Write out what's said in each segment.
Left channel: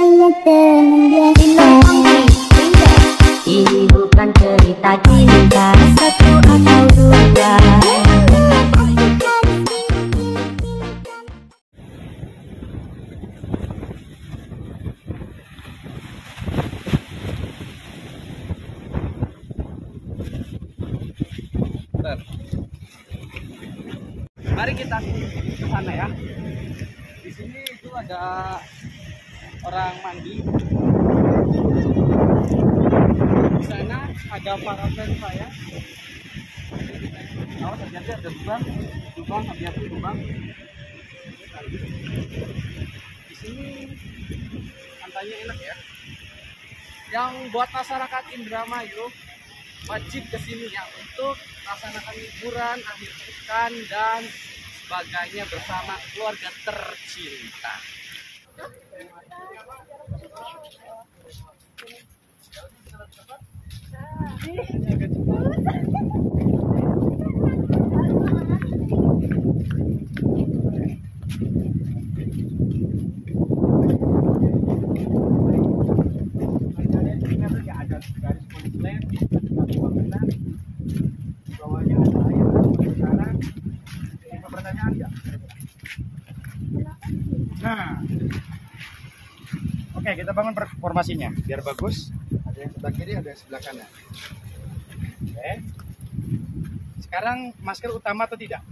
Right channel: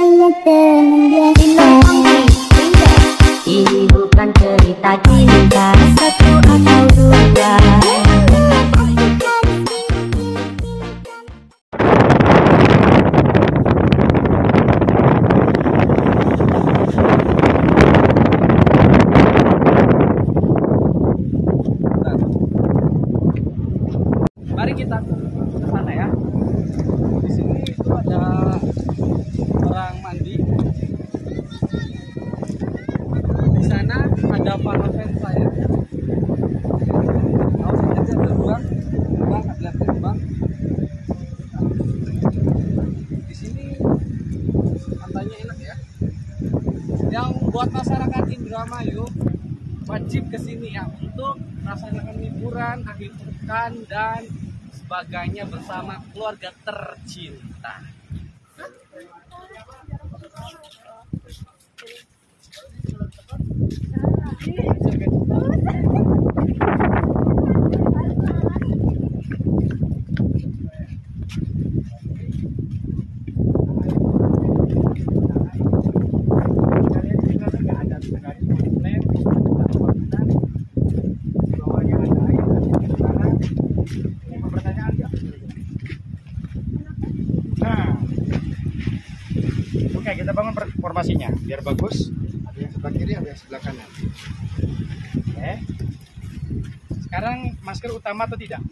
hanya teman biasa. Ini bukan cerita cinta satu atau dua. Mari kita ke sana ya. Di sini itu ada orang mandi. Di sana ada parapen saya. Awas hati-hati ada lubang, hati-hati lubang. Di sini pantainya enak ya. Yang buat masyarakat Indramayu wajib kesini ya untuk melaksanakan liburan akhir pekan dan sebagainya bersama keluarga tercinta. Nah, oke, kita bangun formasinya biar bagus. Ada yang sebelah kiri, ada yang sebelah kanan. Oke. Sekarang masker utama atau tidak?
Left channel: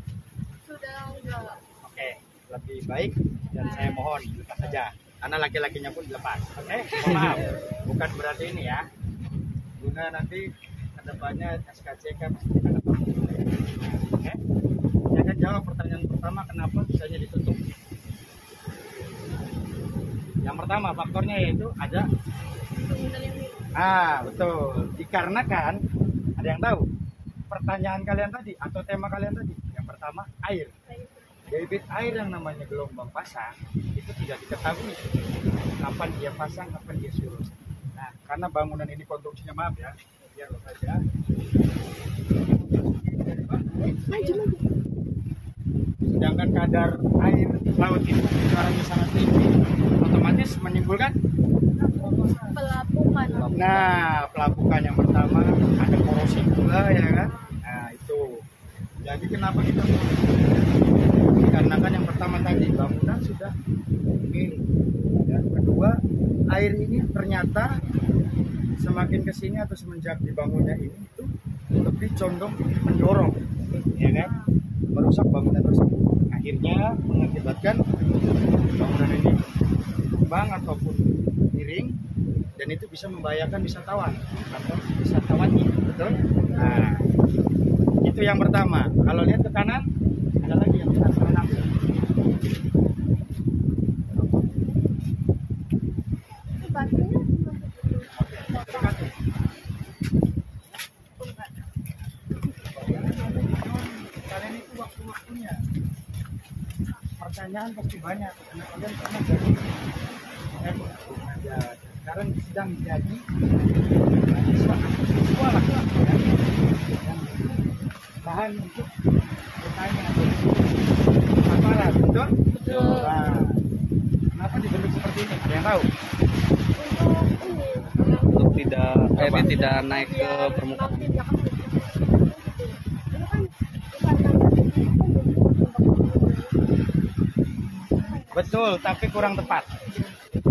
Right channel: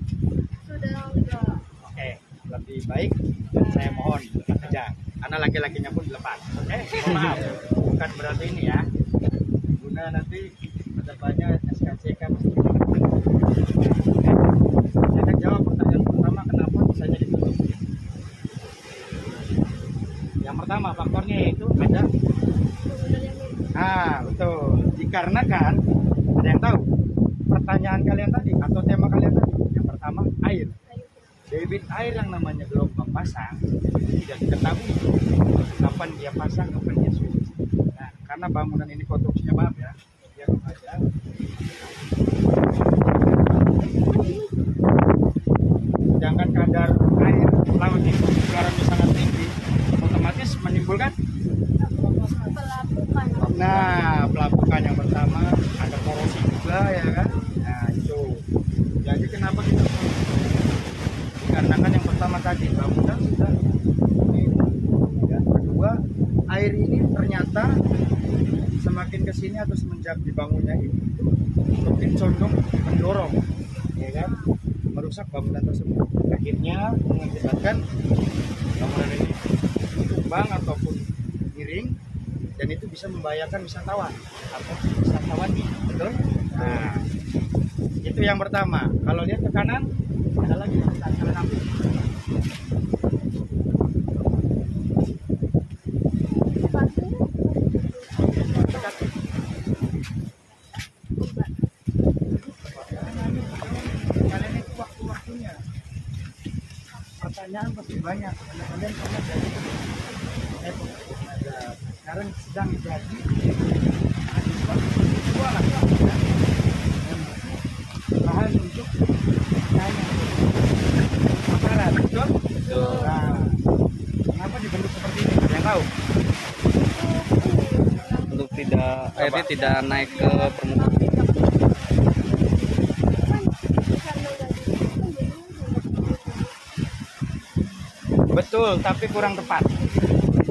Sudah enggak. Oke, lebih baik dan saya mohon lepas saja. Karena laki-lakinya pun lepas. Oke, mohon maaf. Bukan berarti ini ya. Guna nanti kedepannya SKCK pasti kita ketemu. Oke. Saya akan jawab pertanyaan pertama, kenapa bisanya ditutup. Yang pertama faktornya yaitu ada betul, dikarenakan ada yang tahu pertanyaan kalian tadi atau tema kalian tadi. Yang pertama air, debit air yang namanya gelombang pasang itu tidak diketahui kapan dia pasang, kapan dia surut. Nah, karena bangunan ini konstruksinya, maaf ya, biar saja sedangkan kadar air laut itu garamnya sangat tinggi, otomatis menimbulkan Pelapukan. nah pelapukan. Yang pertama ada korosi juga ya kan. Nah itu jadi kenapa kita mulai, dikarenakan yang pertama tadi bangunan sudah minum ya. Kedua, air ini ternyata semakin kesini atau semenjak dibangunnya ini itu lebih condong mendorong ya kan, merusak bangunan tersebut, akhirnya mengakibatkan bangunan ini tumbang ataupun miring, dan itu bisa membahayakan wisatawan atau wisatawati, betul? Nah, itu yang pertama. Kalau lihat ke kanan, ada lagi yang bisa kalian ambil. Oke, dekati. Kalian itu waktu-waktunya pertanyaan pasti banyak karena kalian pernah jadi sekarang sedang jadi mahasiswa lah ya, yang bahan untuk bertanya atau paparan, betul? Nah, kenapa dibentuk seperti ini? Ada yang tahu? Untuk tidak airnya tidak naik ke permukaan. Betul, tapi kurang tepat.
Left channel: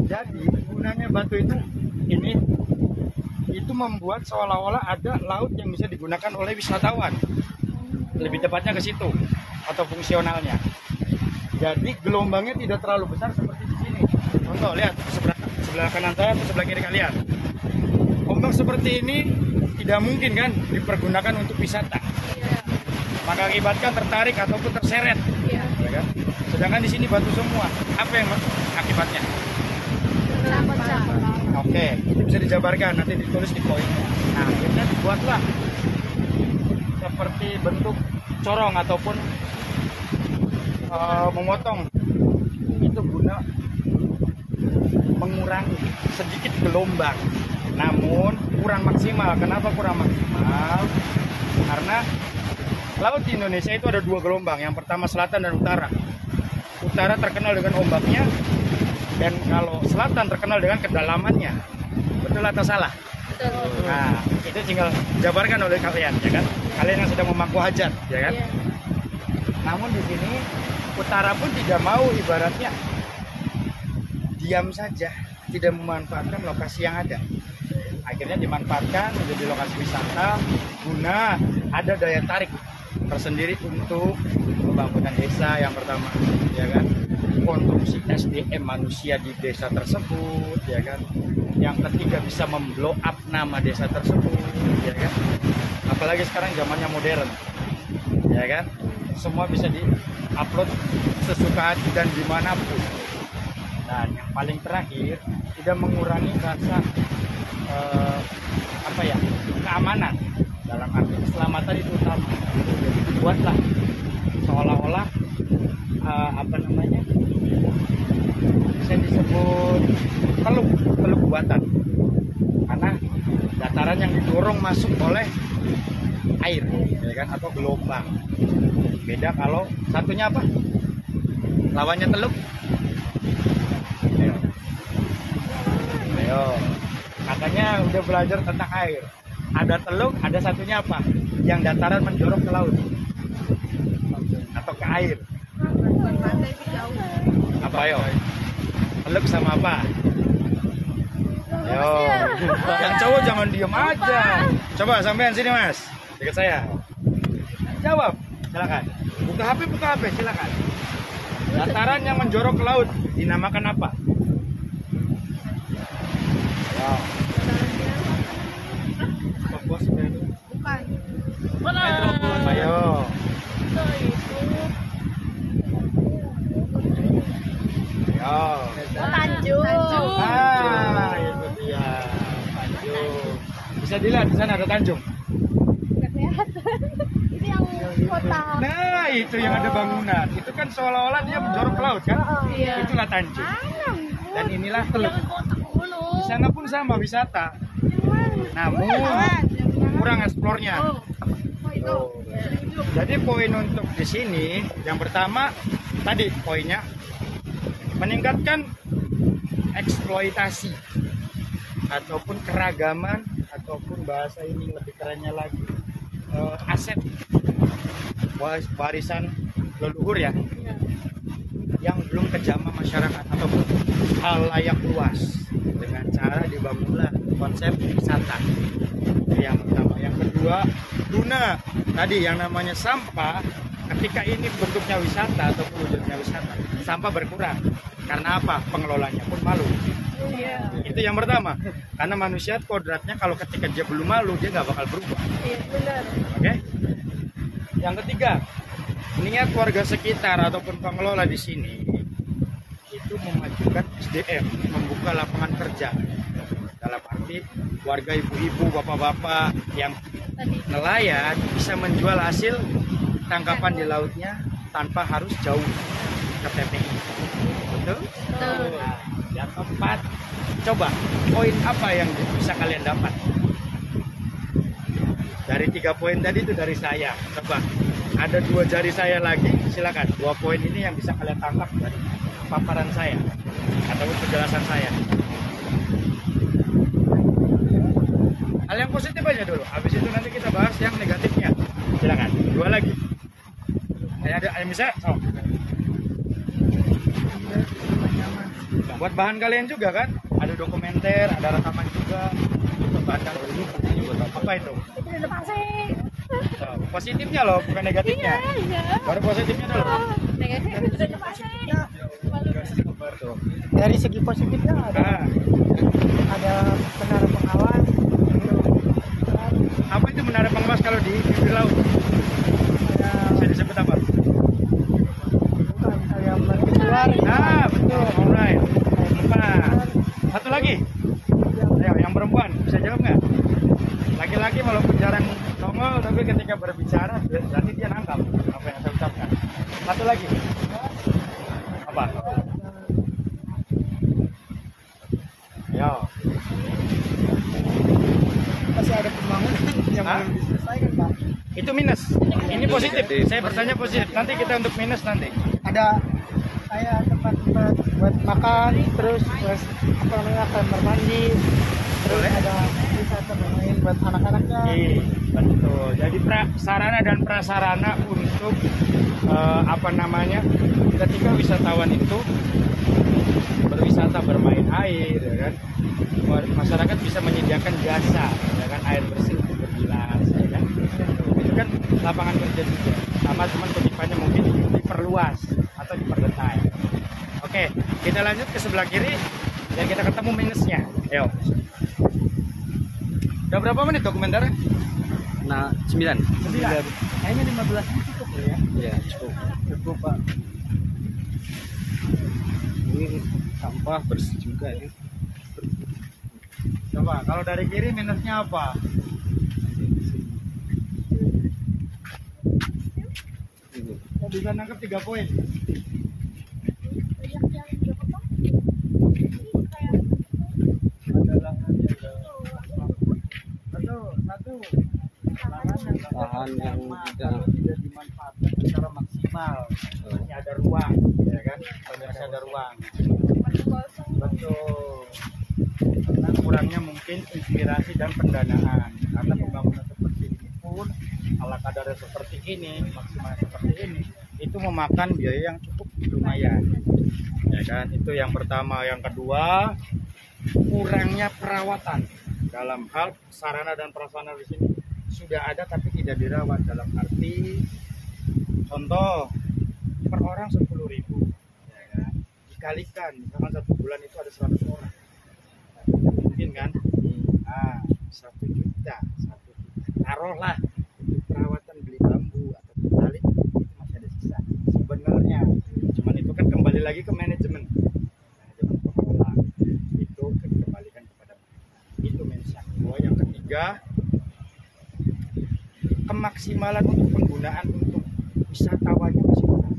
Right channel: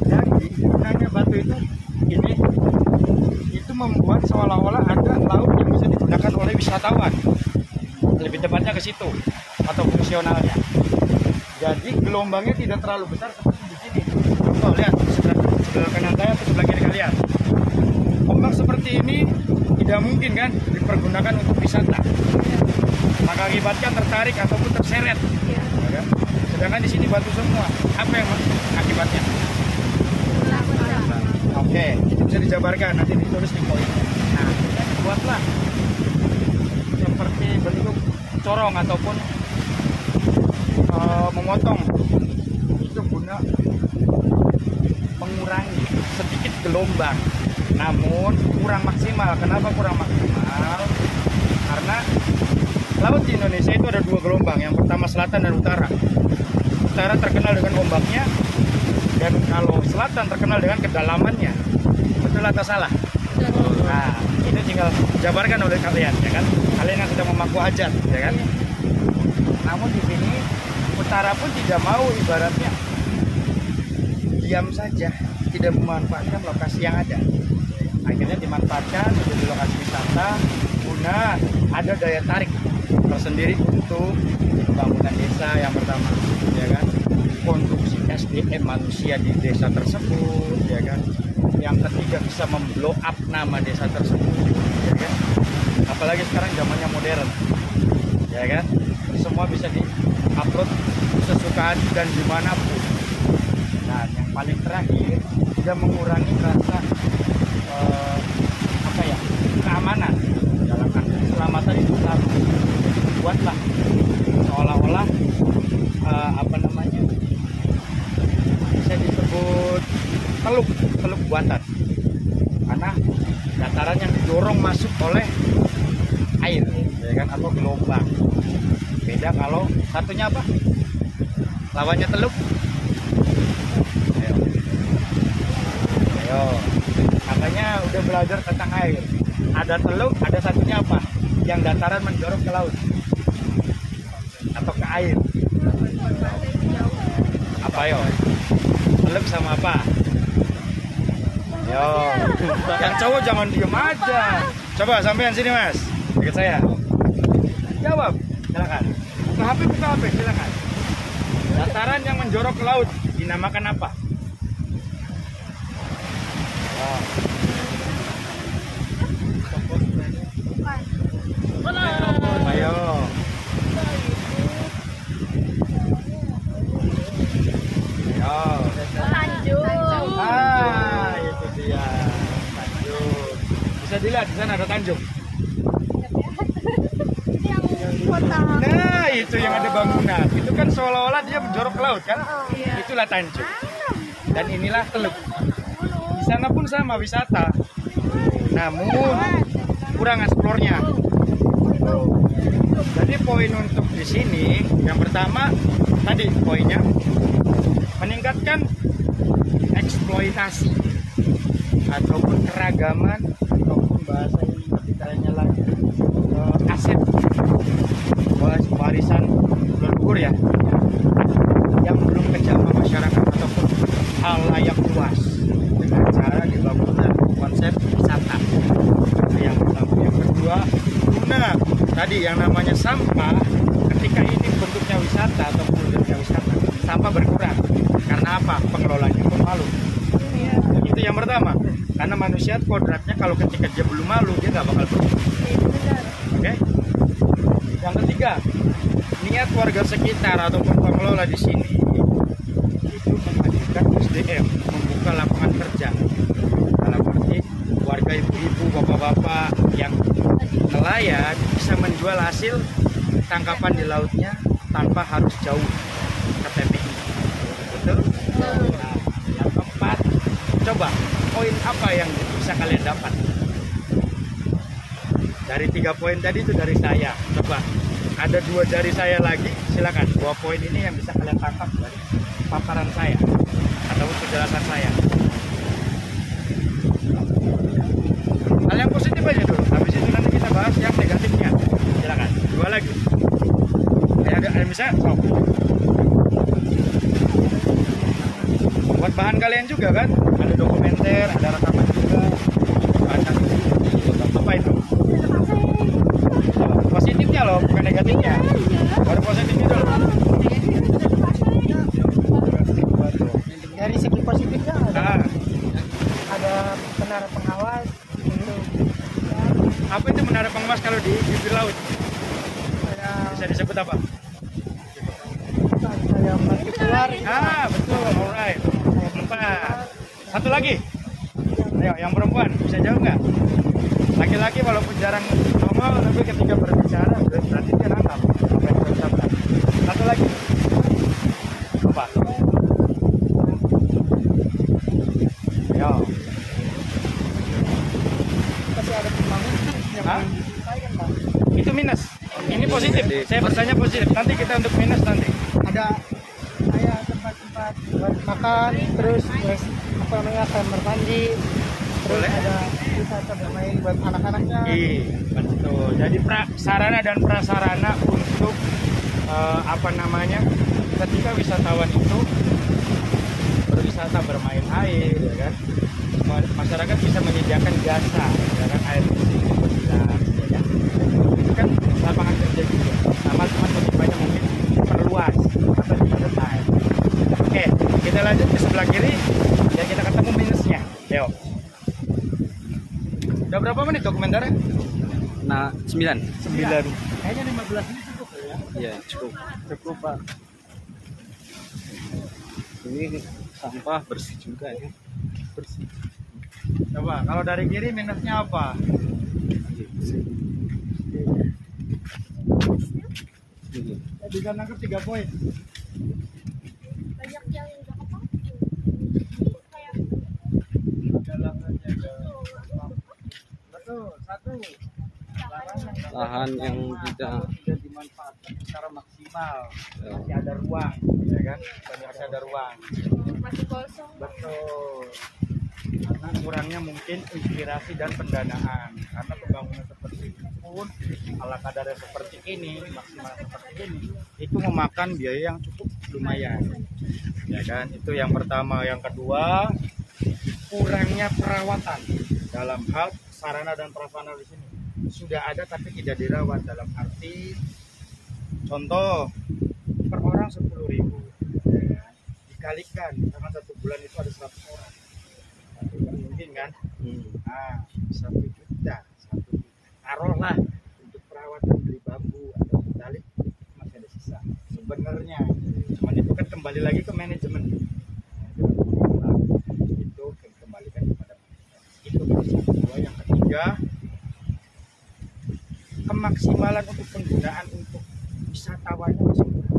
Jadi gunanya batu ini itu membuat seolah-olah ada laut yang bisa digunakan oleh wisatawan. Lebih tepatnya ke situ atau fungsionalnya. Jadi gelombangnya tidak terlalu besar seperti di sini. Contoh lihat sebelah kanan saya atau sebelah kiri kalian. Ombak seperti ini tidak mungkin kan dipergunakan untuk wisata. Maka akibatkan tertarik ataupun terseret. Ya, sedangkan di sini batu semua. Apa yang akibatnya? Oke, itu bisa dijabarkan, nanti ditulis di poin. Nah, kita buatlah seperti bentuk corong ataupun memotong. Itu guna mengurangi sedikit gelombang, namun kurang maksimal. Kenapa kurang maksimal? Karena laut di Indonesia itu ada dua gelombang. Yang pertama selatan dan utara. Utara terkenal dengan ombaknya Dan kalau selatan terkenal dengan kedalamannya. Betul atau salah? Nah, itu tinggal jabarkan oleh kalian, ya kan? Kalian yang sedang memangku hajat, ya kan? Namun di sini utara pun tidak mau ibaratnya diam saja, tidak memanfaatkan lokasi yang ada. Akhirnya dimanfaatkan menjadi lokasi wisata guna ada daya tarik tersendiri untuk pembangunan desa yang pertama, ya kan? Konstruksi SDM manusia di desa tersebut, ya kan? Yang ketiga bisa memblow up nama desa tersebut, ya kan? Apalagi sekarang zamannya modern, ya kan? Semua bisa di-upload sesuka hati dan dimanapun. Dan yang paling terakhir tidak mengurangi rasa keamanan, dalam arti keselamatan itu utama. Jadi dibuatlah seolah-olah bisa disebut teluk buatan, karena dataran yang didorong masuk oleh air, ya kan, atau gelombang. Beda kalau satunya apa? Lawannya teluk. Ayo. Katanya udah belajar tentang air. Ada teluk, ada satunya apa? Yang dataran menjorok ke laut atau ke air. Apa yo? Teluk sama apa? Yo. Yang cowok jangan diem aja. Coba sampean sini Mas, dekat saya. Jawab, silakan. Buka HP, silakan. Dataran yang menjorok ke laut dinamakan apa? Ayo. Ayo. Ayo. Tanjung. Ah, itu dia. Tanjung. Bisa dilihat di sana ada Tanjung. Kota. Nah, itu yang ada bangunan. Itu kan seolah-olah dia menjorok ke laut kan? Iya. Itulah Tanjung. Dan inilah teluk. Di sana pun sama wisata. Namun kurang eksplornya. Jadi poin untuk di sini yang pertama tadi poinnya meningkatkan eksploitasi ataupun keragaman ataupun bahasa ini lebih kerennya lagi aset warisan leluhur ya yang belum kejamah masyarakat ataupun halayak luas dengan cara dibangunlah konsep wisata. Itu yang pertama. Yang kedua, guna tadi yang namanya sampah ketika ini bentuknya wisata atau wujudnya wisata, sampah berkurang. Karena apa? Pengelolanya pun malu. Itu yang pertama. Karena manusia kodratnya kalau ketika dia belum malu, dia nggak bakal berubah. Oke? Yang ketiga, niat warga sekitar ataupun pengelola di sini itu memajukan SDM, membuka lapangan kerja. Dalam arti warga ibu-ibu, bapak-bapak yang nelayan bisa menjual hasil tangkapan di lautnya tanpa harus jauh ke TPI. Betul? Nah, yang keempat, coba poin apa yang bisa kalian dapat? Dari 3 poin tadi itu dari saya. Coba ada 2 jari saya lagi, silakan. 2 poin ini yang bisa kalian tangkap dari paparan saya ataupun penjelasan saya. Hal yang positif aja dulu. Habis itu nanti kita bahas yang negatifnya. Silakan. 2 lagi. Ada yang bisa? Oh. Buat bahan kalian juga kan? Ada dokumenter, ada rekaman juga. Bahan apa itu? Oh, positifnya loh, bukan negatifnya. Baru positifnya dulu. Dari segi positifnya ada menara pengawas untuk apa itu menara pengawas kalau di bibir laut? Bisa disebut apa? kayak mati keluar. Betul, alright. 4. Satu lagi. Ayo, yang perempuan bisa jawab nggak? Laki-laki walaupun jarang nongol, tapi ketika berbicara berarti dia nangkap apa yang saya ucapkan. Satu lagi. Apa? Ayo. Masih ada pembangunan yang Itu minus. Ini positif. Saya bertanya positif. Nanti kita untuk minus nanti. ada kayak tempat buat makan, terus buat apa namanya kamar mandi, terus Boleh. ada wisata bermain buat anak-anaknya. Iya, betul. Jadi sarana dan prasarana untuk apa namanya, ketika wisatawan itu berwisata bermain air, ya kan, masyarakat bisa menyediakan jasa, ya kan, air bersih untuk berbilas, ya kan. Itu kan lapangan kerja juga. Sama cuman kutipannya mungkin diperluas atau diperdetai. Oke, kita lanjut ke sebelah kiri biar kita ketemu minusnya. Yo. Udah berapa menit dokumenternya? Nah, 9. 9. Kayaknya 15 menit cukup ya. Iya, cukup. Cukup Pak. Ini sampah bersih juga ya. Bersih. Coba kalau dari kiri minusnya apa? Ini. Saya bisa nangkep 3 poin. Banyak yang nggak apa. Kayak Ada lahannya ada. Betul, satu. Lahan yang tidak tidak dimanfaatkan secara maksimal. Masih ada ruang, ya kan? Masih ada ruang. masih kosong. Betul. Karena kurangnya mungkin inspirasi dan pendanaan. Karena pembangunan seperti ini pun ala kadarnya seperti ini, maksimalnya seperti ini, itu memakan biaya yang cukup lumayan. Ya kan? Itu yang pertama. Yang kedua, kurangnya perawatan dalam hal sarana dan prasarana di sini sudah ada tapi tidak dirawat. Dalam arti contoh per orang 10.000, ya kan? Dikalikan misalkan 1 bulan itu ada 100 orang, mungkin kan? Nah, 1 juta taruhlah untuk perawatan beli bambu atau tali itu masih ada sisa sebenarnya. Cuman itu kan kembali lagi ke manajemen. Itu kembalikan kepada itu minus yang kedua. Yang ketiga, kemaksimalan untuk penggunaan untuk wisatawannya masih kurang.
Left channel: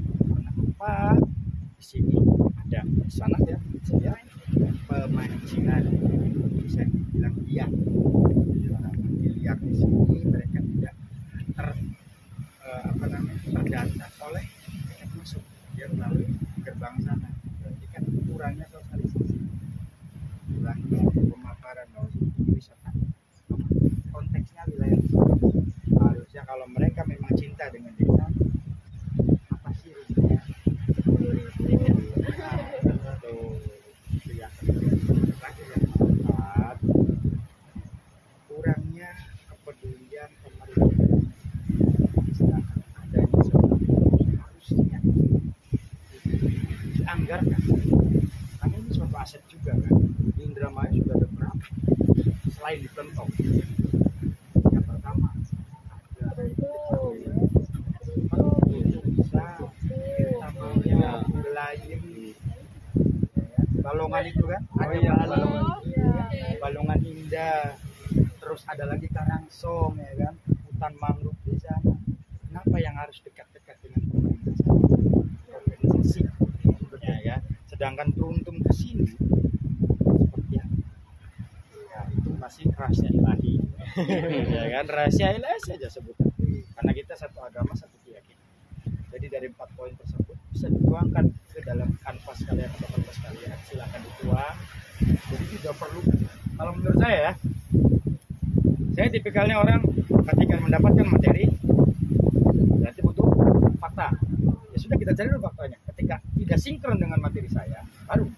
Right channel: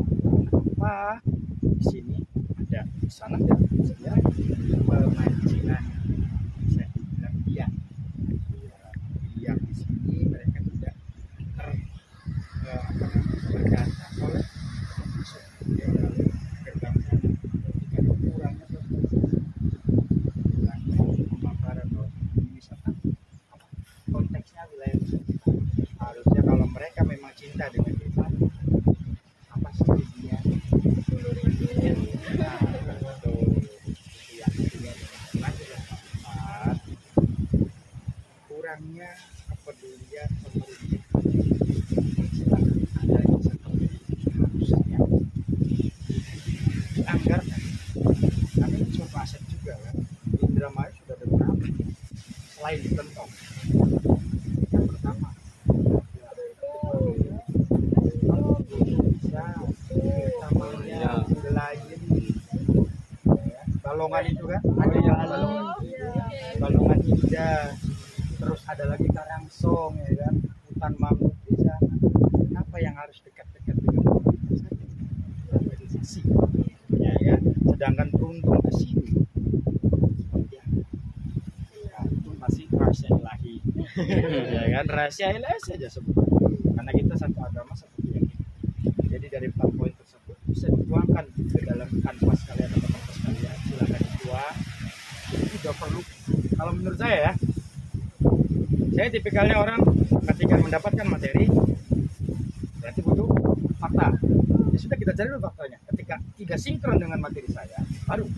Kenapa? Di sini ada di sana ya, saya pemancingan bisa dibilang biak. Biak di sini mereka tidak terdata oleh masuk dia melalui gerbang sana. Berarti kan kurangnya sosialisasi, kurangnya pemakaran wisata. Konteksnya wilayah harusnya kalau mereka memang cinta dengan desa, apa sih ya? Nah, itu ya. Lanjut yang keempat, kurangnya kepedulian pemerintah. Sedangkan adanya seperti ini harusnya dianggarkan. Karena ini suatu aset juga kan. Di Indramayu sudah ada berapa? Selain di Plentong. Yang pertama bisa kita maunya Belayu, Balongan itu kan ada Balongan Indah, terus ada lagi Karangsong, ya kan, hutan mangrove di sana. Kenapa yang harus dekat-dekat dengan pemerintah sana? Organisasi, ya kan. Sedangkan beruntung ke sini seperti apa? Ya, itu masih rahasia ilahi. Ya kan, rahasia ilahi saja sebutnya. Karena kita satu agama, satu keyakinan. Jadi dari 4 poin tersebut bisa dituangkan ke dalam kanvas kalian atau kertas kalian, silakan dituang. Jadi tidak perlu, kalau menurut saya ya, saya tipikalnya orang ketika mendapatkan materi berarti butuh fakta. Ya sudah, kita cari dulu faktanya. Ketika tidak sinkron dengan materi saya, baru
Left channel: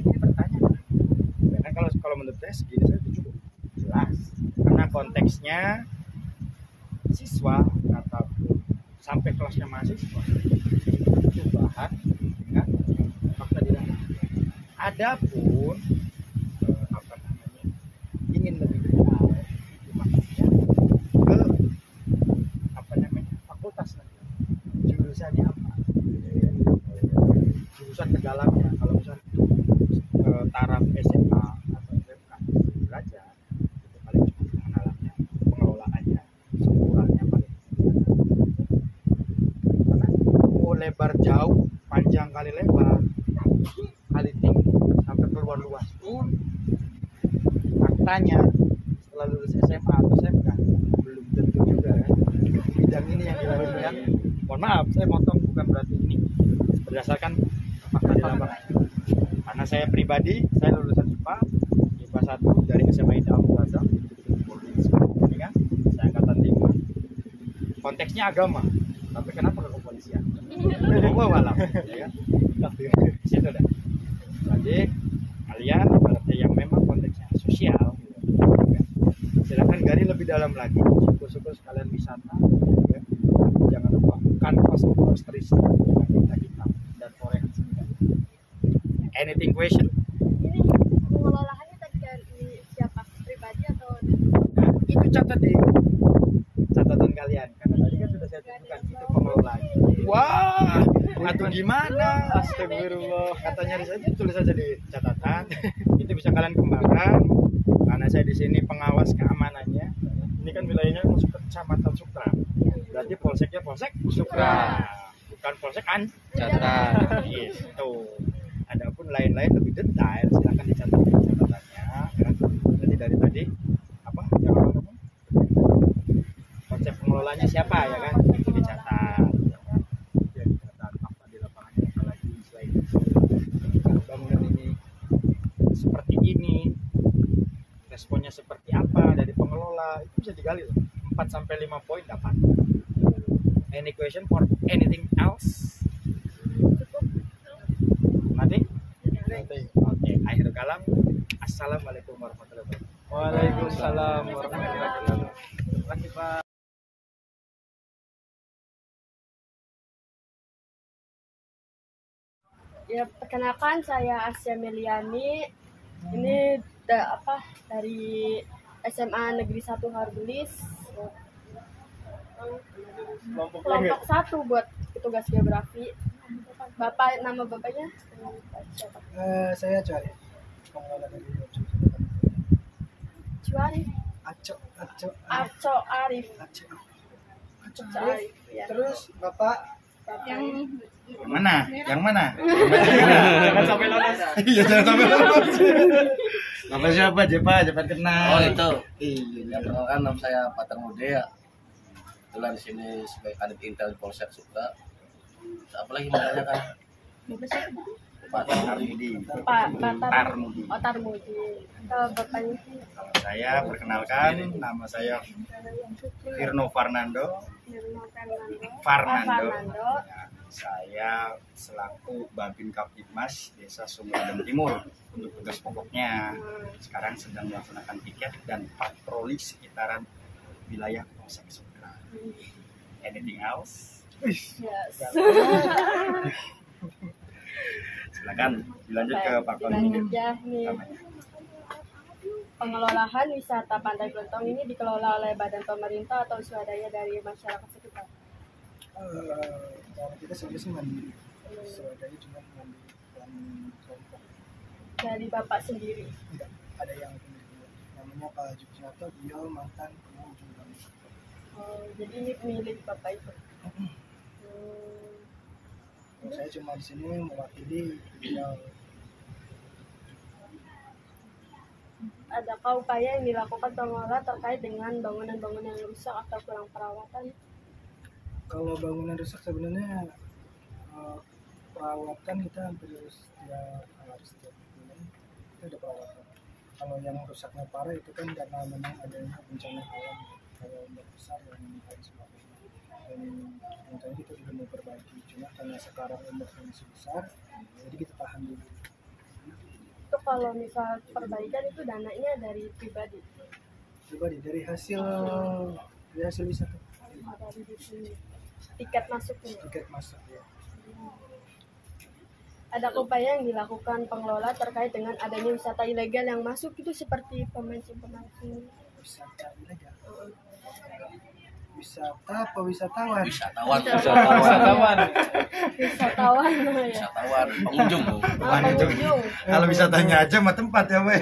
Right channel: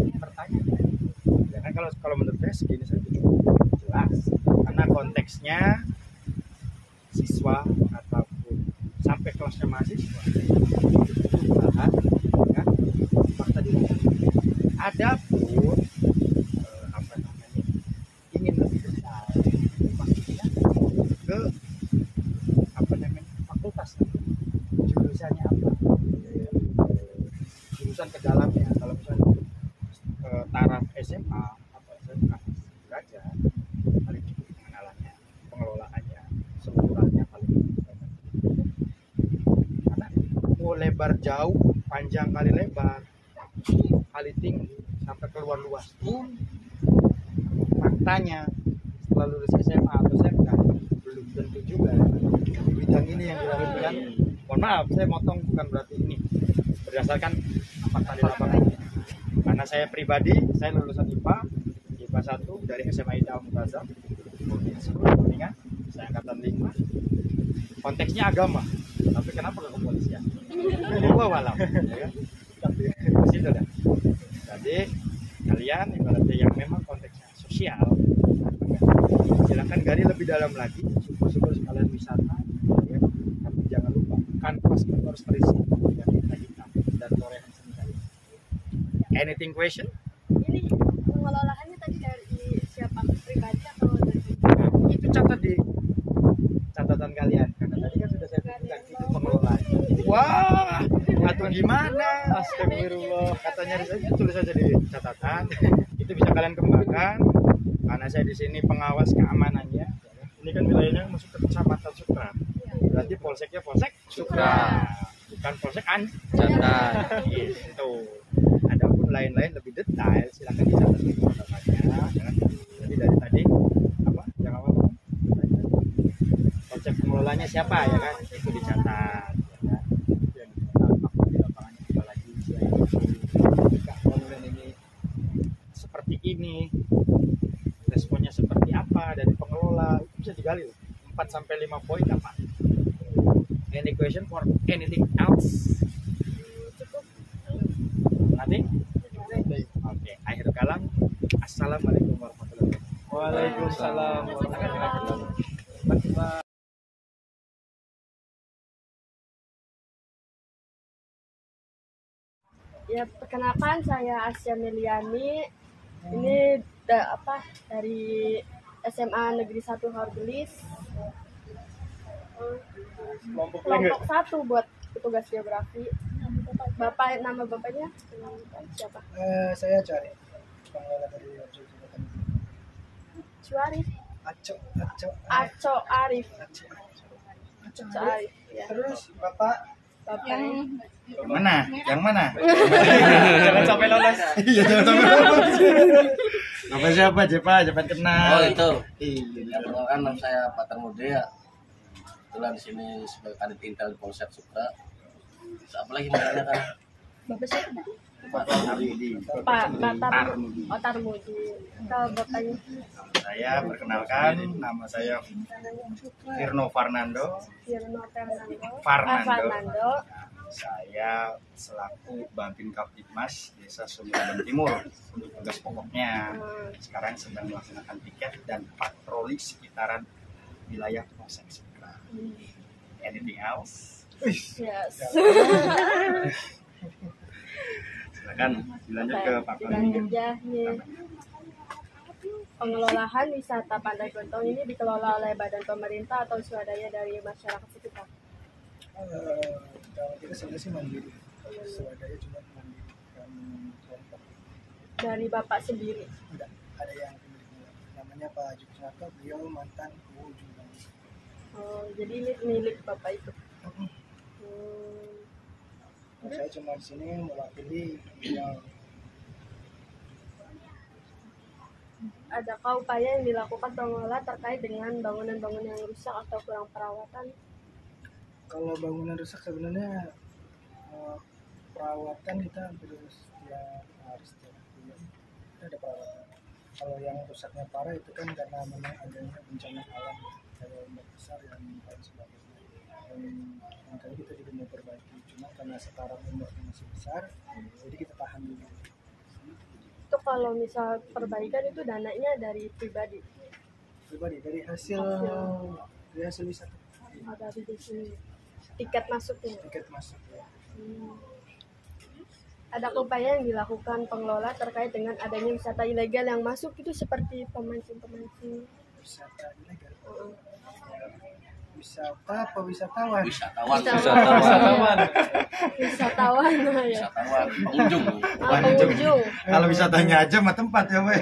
ini pertanyaan. Ya kan, kalau menurut saya segini saja cukup jelas. Karena konteksnya siswa ataupun sampai kelasnya mahasiswa itu bahan dengan fakta di lapangan. Adapun apa namanya, ingin lebih besar, maksudnya ke apa namanya, fakultas jurusannya apa, jurusan ke dalamnya. Kalau misalnya untuk taraf SMA atau SMK derajat, paling cukup pengenalannya, pengelolaannya, strukturalnya paling karena mau lebar jauh, panjang kali lebar, kali tinggi, sampai keluar luas pun faktanya setelah lulus SMA atau SMK belum tentu juga bidang ini yang dilakukan. Mohon maaf, saya motong, bukan berarti ini berdasarkan fakta di lapangan. Karena saya pribadi, saya lulusan IPA 1 dari SMA Ida Al-Mu'azzam, ini kan, saya angkatan 5. Konteksnya agama, tapi kenapa ke kepolisian? Gua walau, ya kan? Di situ dah. Jadi kalian ibaratnya yang memang konteksnya sosial, silakan gali lebih dalam lagi. Syukur-syukur sekalian wisata, ya. Jangan lupa kanvas itu harus terisi dengan tinta hitam dan torehan sendiri. Anything question? Ini pengelolaannya tadi dari siapa? Pribadi atau dari Itu catat di catatan kalian, karena tadi kan sudah saya tunjukkan itu pengelolanya. Wah, atau gimana? Astagfirullah. Katanya tulis saja di catatan. Itu bisa kalian kembangkan. Karena saya di sini pengawas keamanannya. Ini kan wilayahnya masuk ke Kecamatan Sukra. Berarti polseknya Polsek Sukra, bukan Polsek Catat. Yes, itu. Adapun lain-lain lebih detail, silakan dicatat di catatannya. Jangan. Jadi dari tadi apa? Yang apa? Konsep pengelolanya siapa ya kan? Itu dicatat. Ya kan? Ya, dicatat apa di lapangannya apalagi selain itu. Ketika bangunan ini seperti ini, responnya seperti apa dari pengelola, itu bisa digali loh. 4 sampai 5 poin dapat. Any question for anything else? Nanti? Oke, akhir kalam. Assalamualaikum warahmatullahi wabarakatuh. Waalaikumsalam warahmatullahi wabarakatuh. Ya, perkenalkan saya Asya Meliani. Ini dari SMA Negeri 1 Hargelis. Kelompok 1 buat petugas geografi. Nama bapaknya siapa? Saya cari pengelola dari objek wisata. Cuarif. Aco Arif. Ya. Terus Bapak Bapaknya. Yang mana? Yang mana? jangan sampai lolos. Iya, jangan sampai lolos. Nama siapa, Jepa? Cepat kenal. Oh itu. Iya. Yang perkenalkan nama saya Patar Mude ya. Kebetulan di sini sebagai kadit intel di Polsek Sukra. Apa lagi mau tanya kan? Bapak siapa? Pak Haridi. Tarmudi. Kalau bapaknya Saya perkenalkan, nama saya Firno Fernando. Fernando. Ya, saya selaku Babin Kaptipmas Desa Sumberadem Timur untuk tugas pokoknya. Sekarang sedang melaksanakan piket dan patroli sekitaran wilayah Polsek Sukra. Anything else? Yes. Silakan dilanjut ke Pak Dilanjut Kolonel. ya nih. Pengelolaan wisata Pantai Kelentong ini dikelola oleh badan pemerintah atau swadaya dari masyarakat sekitar. Kalau kita sebenarnya sih mandiri, swadaya cuma mandiri dan kelompok. Dari bapak sendiri. Enggak ada yang pemilik. Namanya Pak Haji Kusnato, beliau mantan Ketua Ujung Bangsa. Oh, jadi ini milik bapak itu. Saya cuma di sini mewakili beliau. Adakah upaya yang dilakukan pengelola terkait dengan bangunan-bangunan yang rusak atau kurang perawatan? Kalau bangunan rusak sebenarnya perawatan kita hampir setiap hari, setiap bulan kita ada perawatan. Kalau yang rusaknya parah itu kan karena memang adanya bencana alam kayak ombak besar yang lain sebagainya. Dan yang tadi kita juga mau perbaiki, cuma karena sekarang ombaknya masih besar, jadi kita tahan dulu. Itu kalau misal perbaikan itu dananya dari pribadi. Dari hasil wisata, Ada di sini. Tiket masuknya. tiket masuk ya. Ada upaya yang dilakukan pengelola terkait dengan adanya wisata ilegal yang masuk itu seperti pemancing-pemancing. Wisata ilegal. Wisata apa wisatawan? Wisatawan. Wisatawan ya. Wisatawan. Pengunjung. Pengunjung. Kalau wisatanya aja mah tempat ya, Pak.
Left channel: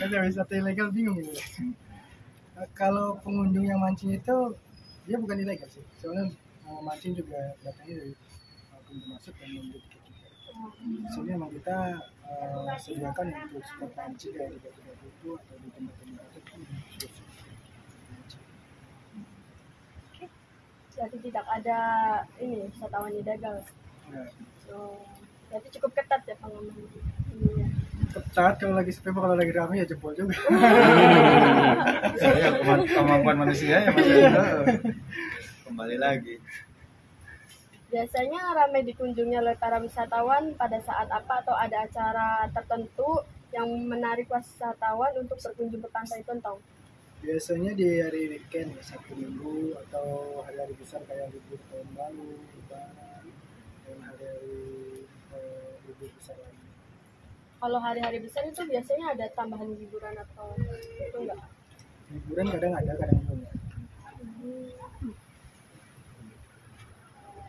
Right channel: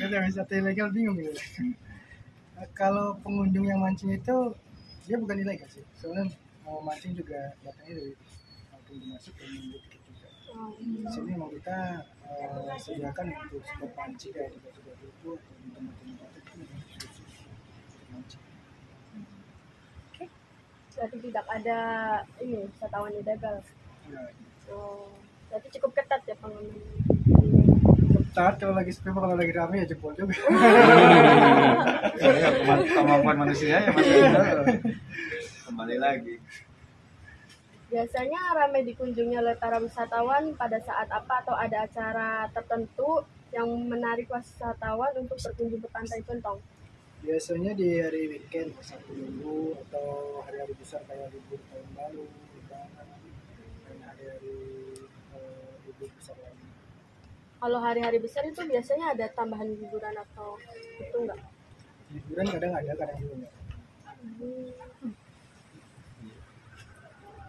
Kan wisata ilegal bingung gitu. Kalau pengunjung yang mancing itu dia bukan ilegal sih. Soalnya mau mancing juga datangnya dari pintu masuk dan membeli tiket juga. Di sini memang kita sediakan untuk spot mancing kayak di Batu-Batu itu atau di tempat-tempat itu sudah mancing. Berarti tidak ada ini wisatawan ilegal. Nah, Oh, berarti cukup ketat ya pengamanannya. Ketat kalau lagi sepi, kalau lagi rame ya jebol juga. Ya, kemampuan manusia ya masih ada. Kembali lagi. Biasanya ramai dikunjungi oleh para wisatawan pada saat apa atau ada acara tertentu yang menarik wisatawan untuk berkunjung ke Pantai Tuntong? Biasanya di hari weekend, Sabtu Minggu atau hari-hari besar kayak libur tahun baru, Lebaran, dan hari-hari libur besar lagi. Kalau hari-hari besar itu biasanya ada tambahan hiburan atau itu enggak? Liburan kadang ada, kadang juga enggak.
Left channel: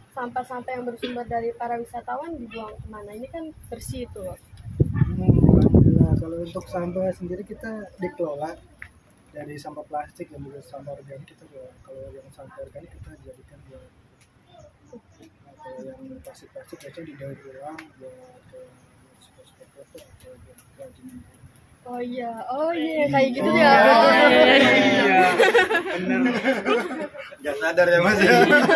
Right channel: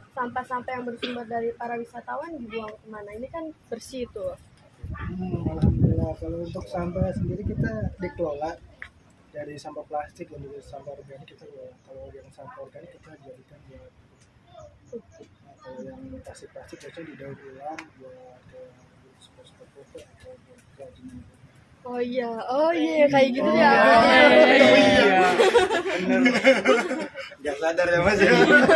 Sampah-sampah yang bersumber dari para wisatawan dibuang kemana? Ini kan bersih itu loh. Alhamdulillah, kalau untuk sampah sendiri kita dikelola dari sampah plastik dan juga sampah organik kita kelola. Kalau yang sampah organik kita jadikan buat kalau yang plastik-plastik biasanya didaur ulang buat kayak spot-spot foto atau buat kerajinan. Oh iya kayak gitu ya. Iya. Bener. Gak sadar ya Mas.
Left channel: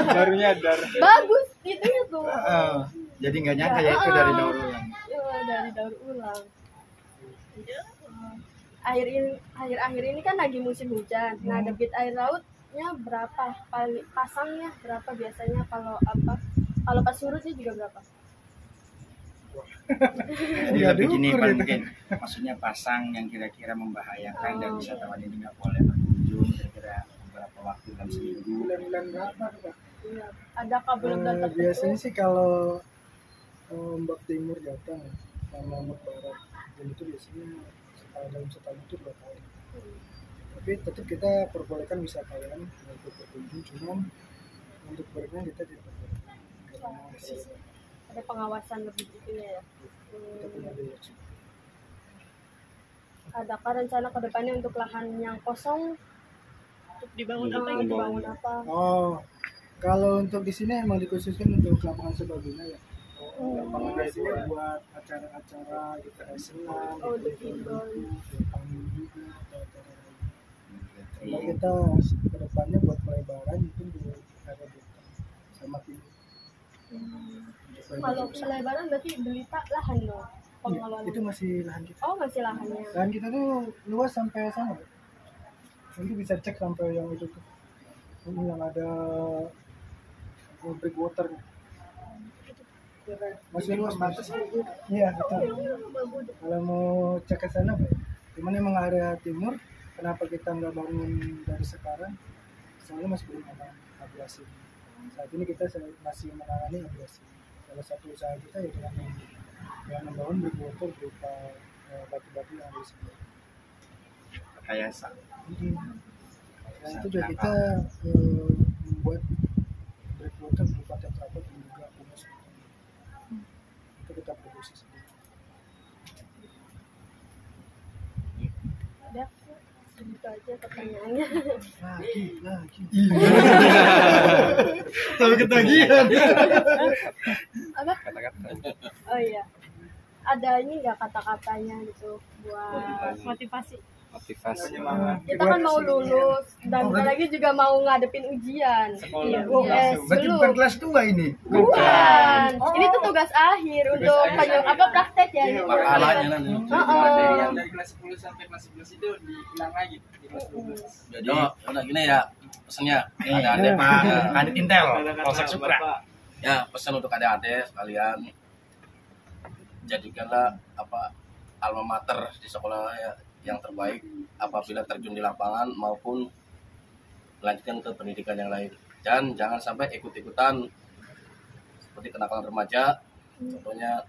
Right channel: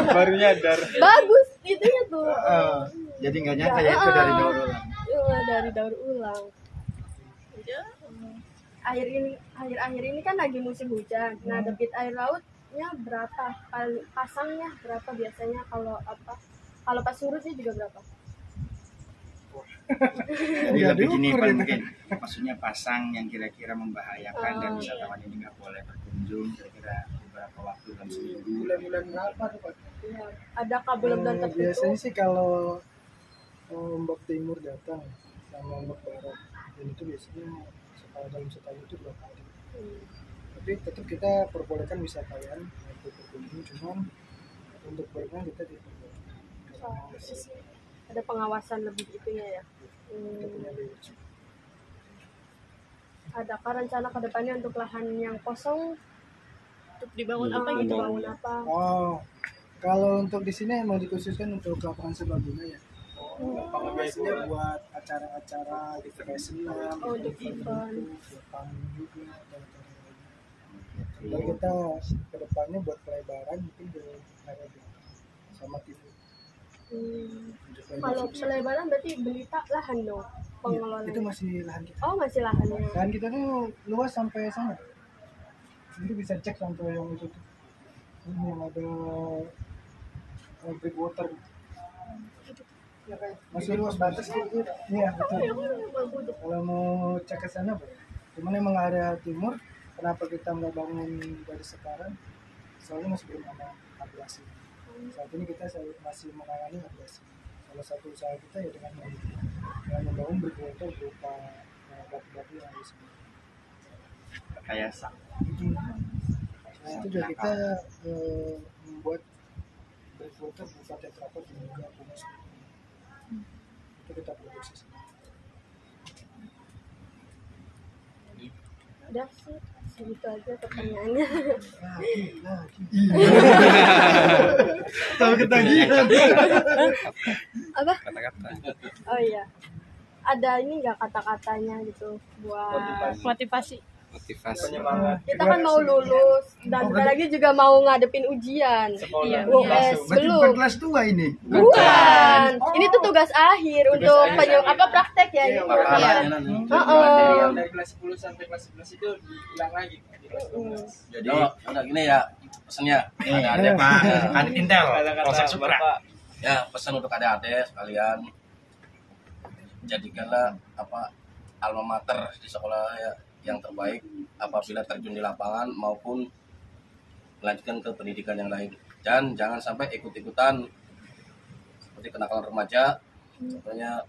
Baru nyadar. Bagus itunya tuh. Jadi nggak nyangka ya itu dari daur ulang. Iya, dari daur ulang. Akhir-akhir ini kan lagi musim hujan. Nah, debit air lautnya berapa? Pasangnya berapa biasanya kalau apa? Kalau pas surutnya juga berapa? Jadi lebih gini Pak, mungkin maksudnya pasang yang kira-kira membahayakan dan wisatawan ini nggak boleh berkunjung kira-kira beberapa waktu dalam seminggu. Bulan-bulan berapa tuh Pak? Iya. Ada bulan tertentu? Biasanya sih kalau ombak timur datang sama ombak barat, dan itu biasanya dalam setahun itu 2 kali. Tapi tetap kita perbolehkan wisatawan untuk berkunjung, cuman untuk berenang kita tidak perbolehkan. Ada pengawasan lebih gitu ya. Kita punya biaya. Adakah rencana ke depannya untuk lahan yang kosong untuk dibangun apa gitu? Dibangun apa? Oh, kalau untuk di sini emang dikhususkan untuk lapangan serbaguna ya. Lapangan biasanya buat acara-acara gitu kayak senam, Untuk event. panggung juga atau acara lain. Kalau kita ke depannya buat pelebaran mungkin di area belakang sama timur. Kalau pelebaran berarti beli lahan dong pengelolaan. Itu masih lahan kita. Oh, masih lahannya. Lahan kita tuh luas sampai sana. Nanti bisa cek sampai yang itu tuh. Ini yang ada brick water. Masih luas batas gitu. Iya, betul. Kalau mau cek ke sana boleh. Cuman emang area timur, kenapa kita nggak bangun dari sekarang? Soalnya masih belum ada abrasi. Saat ini kita masih menangani abrasi. Salah satu usaha kita ya dengan membangun brick water berupa batu-batu yang ada di sini. Rekayasa. Nah, itu juga kita membuat brick water berupa tetrapod dan juga humus. Itu kita produksi sendiri. Udah sih, segitu aja pertanyaannya. Lagi. Kalau ketagihan. Apa? Kata-kata. Oh iya. Ada ini nggak kata-katanya gitu buat motivasi? Motivasi. Kita kan mau lulus dan bentar lagi juga mau ngadepin ujian. Iya, yes, Berarti belum. bukan kelas 2 ini. Bukan. Ini tuh tugas akhir untuk praktek ya ini. Yang dari kelas 10 sampai kelas 11 itu diulang lagi di kelas 12. Jadi udah gini ya pesannya Ada Pak Kadit Intel Polsek Supra. Ya pesan untuk adik-adik sekalian, jadikanlah alma mater di sekolah ya, yang terbaik apabila terjun di lapangan maupun melanjutkan ke pendidikan yang lain. Dan jangan sampai ikut-ikutan seperti kenakalan remaja, contohnya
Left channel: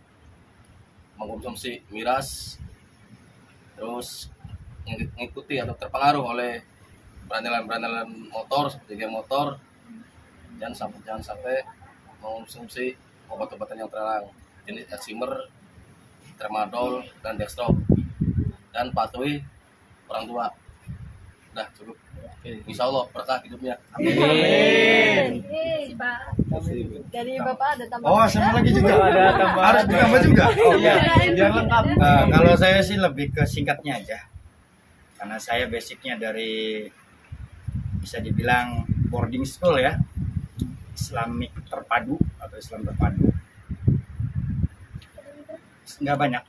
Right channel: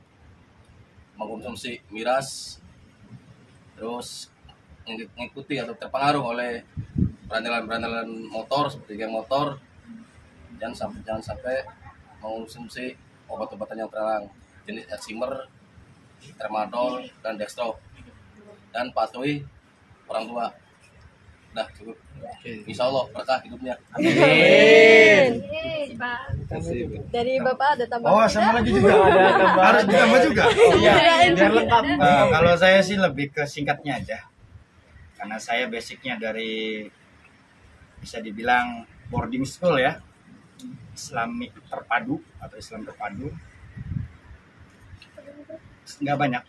mengkonsumsi miras, terus mengikuti atau terpengaruh oleh berandalan-berandalan motor seperti geng motor, jangan sampai mengkonsumsi obat-obatan yang terlarang jenis eksimer, tramadol, dan dextro, dan patuhi orang tua. Udah cukup. Insya Allah berkah hidupnya. Amin. Pak. Dari Bapak ada tambahan? Oh, sama lagi juga. Harus ditambah juga. Oh iya, biar lengkap. Kalau saya sih lebih ke singkatnya aja. Karena saya basicnya dari bisa dibilang boarding school ya. Islamik terpadu atau Islam terpadu. nggak banyak.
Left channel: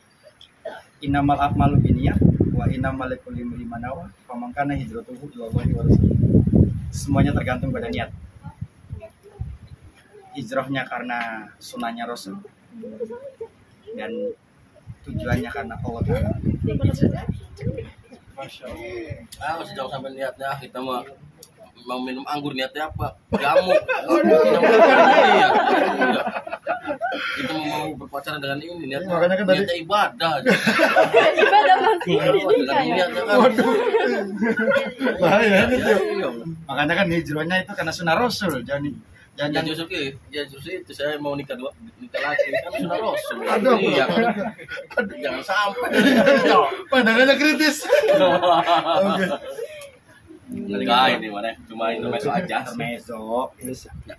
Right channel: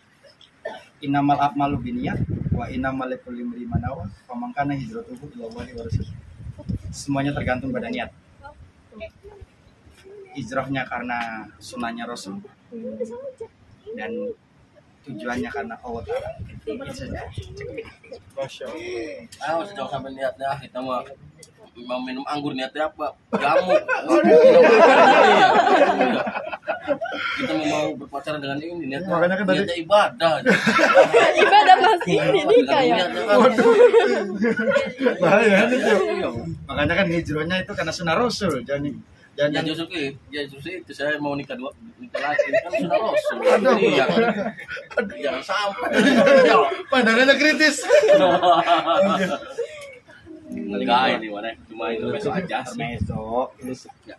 Innamal a'malu binniyat wa innamal likulli imri'in ma nawa faman kana hijratuhu ilallahi wa rasulih. Semuanya tergantung pada niat. Hijrahnya karena sunnahnya Rasul dan tujuannya karena Allah Ta'ala. Itu saja. Sejauh sampai niatnya kita mau minum anggur niatnya apa? Jamu. Iya. Kita mau berpacaran dengan ini niatnya. Makanya kan tadi- niatnya ibadah. Ibadah masih ini kayak. Niatnya kan. Bahaya itu. Makanya kan hijrahnya itu karena sunnah Rasul. Ya Jangan justru itu saya mau nikah lagi kan sudah Rasul. Aduh. Iya. Jangan sampai. pandangannya kritis. Enggak ini mana? Cuma itu besok aja. Intermezzo. Ya.